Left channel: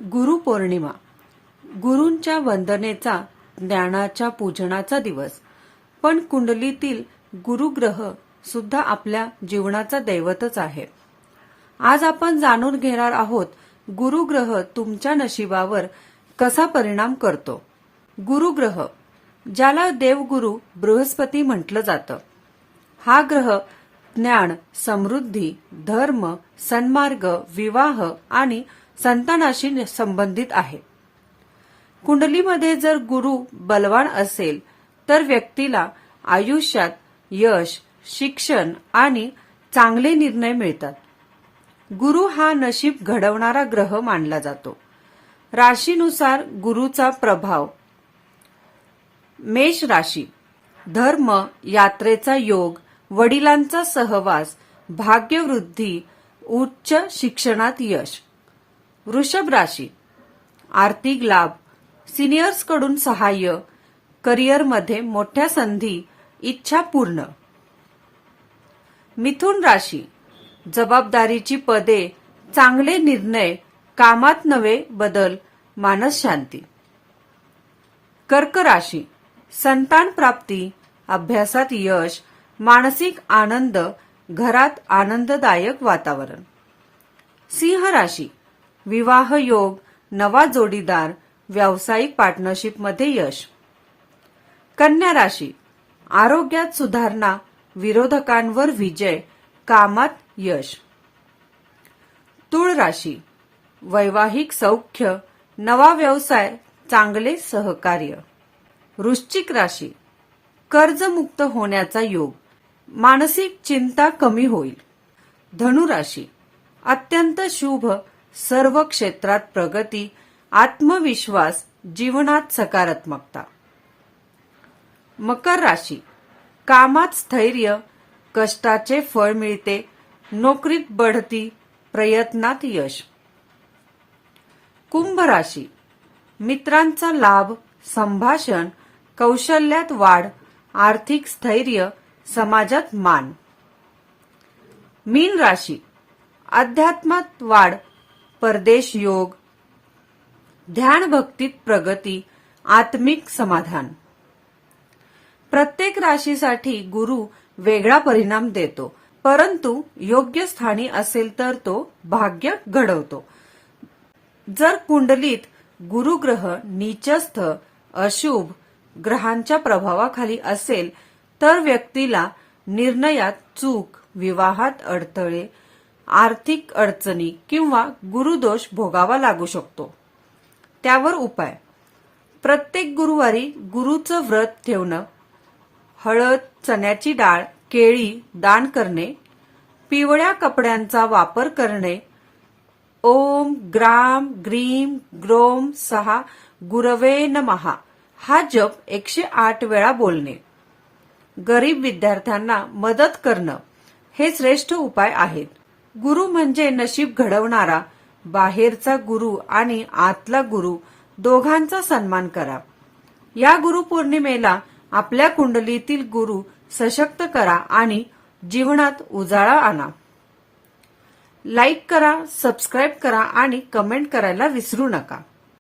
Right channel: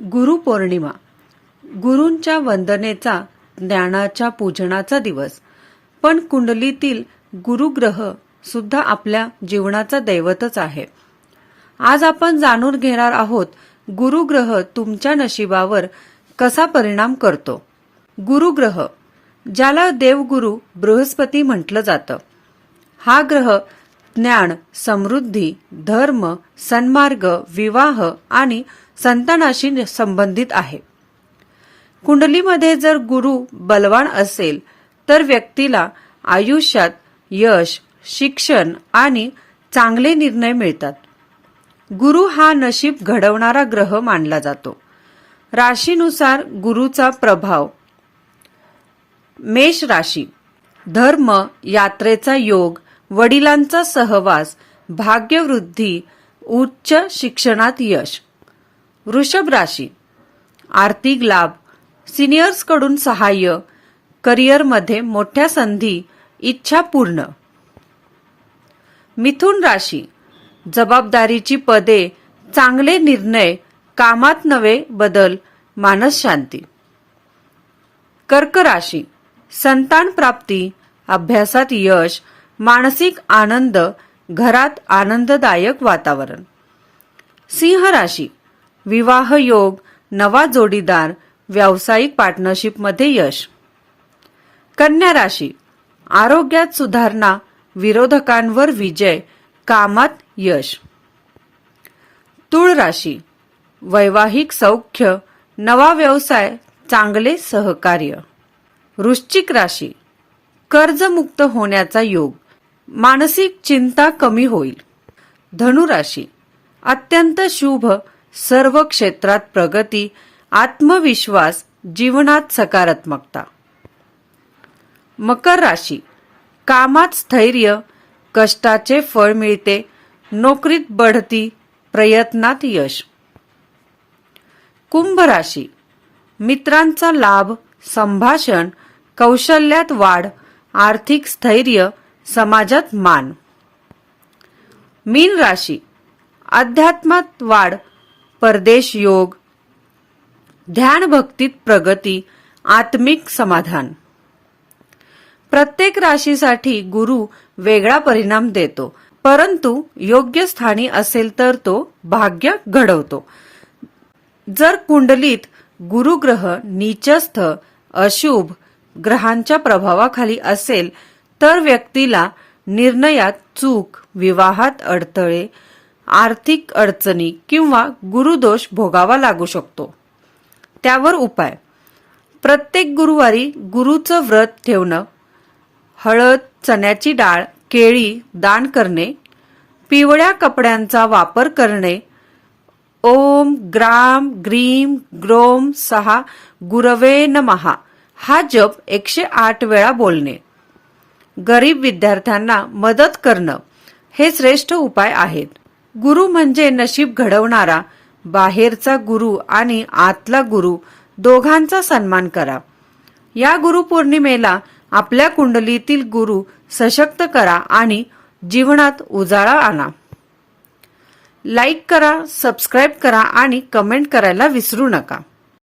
गुरुपौर्णिमा गुरूंच्या वंदनेचा ज्ञानाच्या पूजनाचा दिवस. पण कुंडलीतील गुरुग्रह सुद्धा आपल्या जीवनाचा दैवतच आहे. आज आपण जाणून घेणार आहोत गुरुग्रह तुमच्या नशिबावर कसा परिणाम करतो. गुरुग्रह ज्याला देवगुरु बृहस्पती म्हटलं जातं. हा ग्रह ज्ञान समृद्धी धर्म सन्मार्ग विवाह आणि संतानाशी संबंधित आहे. कुंडलीमध्ये जर गुरु बलवान असेल तर व्यक्तीला आयुष्यात यश शिक्षण आणि चांगले निर्णय मिळतात. गुरु हा नशीब घडवणारा ग्रह मानला जातो. राशीनुसार गुरुचा प्रभाव. मेष राशी. धर्म यात्रेचा योग वडिलांचा सहवास भाग्यवृद्धी उच्च शिक्षणात यश. वृषभ राशी. आर्थिक लाभ सिनियर्सकडून सहाय्य करिअरमध्ये मोठ्या संधी इच्छा पूर्ण. मिथुन राशी. जबाबदारीची पदे चांगले निर्णय कामात नवे बदल मानस शांती. कर्क राशी. संतान प्राप्ती अभ्यासात यश मानसिक आनंद घरात आनंददायक वातावरण. सिंह राशी. विवाह योग नवा जोडीदार व्यावसायिक पार्टनरशिपमध्ये यश. कन्या राशी. आरोग्यात सुधारणा विरोधकांवर विजय कामात यश. तुळ राशी. वैवाहिक सौख्य नवा व्यवसाय चांगले सहकार्य. वृश्चिक राशी. कर्जमुक्त होण्याचा योग. मानसिक चिंता कमी होईल. धनुराशी अत्यंत शुभ सर्व क्षेत्रात प्रगती आत्मविश्वास जीवनात सकारात्मकता. मकर राशी कामात स्थैर्य कष्टाचे फळ मिळते नोकरीत बढती प्रयत्नात यश. कुंभ राशी मित्रांचा लाभ संभाषण कौशल्यात वाढ आर्थिक स्थैर्य समाजात मान. मीन राशी. अध्यात्मात वाढ परदेश योग ध्यान भक्तीत प्रगती आत्मिक समाधान. प्रत्येक राशीसाठी गुरु वेगळा परिणाम देतो परंतु योग्य स्थानी असेल तर तो भाग्य घडवतो. जर कुंडलीत गुरुग्रह नीचस्थ अशुभ ग्रहांच्या प्रभावाखाली असेल तर व्यक्तीला निर्णयात चूक विवाहात अडथळे आर्थिक अडचणी किंवा गुरुदोष भोगावा लागू शकतो. त्यावर उपाय. प्रत्येक गुरुवारी गुरुचं व्रत ठेवणं हळद चण्याची डाळ केळी दान करणे पिवळ्या कपड्यांचा वापर करणे ओम ग्राम ग्रीम ग्रोम सहा गुरवे नमहा हा जप एकशे आठ वेळा बोलणे. गरीब विद्यार्थ्यांना मदत करणं हे श्रेष्ठ उपाय आहेत. गुरु म्हणजे नशीब घडवणारा बाहेरचा गुरु आणि आतला गुरु दोघांचा सन्मान करा. या गुरुपौर्णिमेला आपल्या कुंडलीतील गुरु सशक्त करा आणि जीवनात उजाळा आणा. लाईक करा सबस्क्राईब करा आणि कमेंट करायला विसरू नका.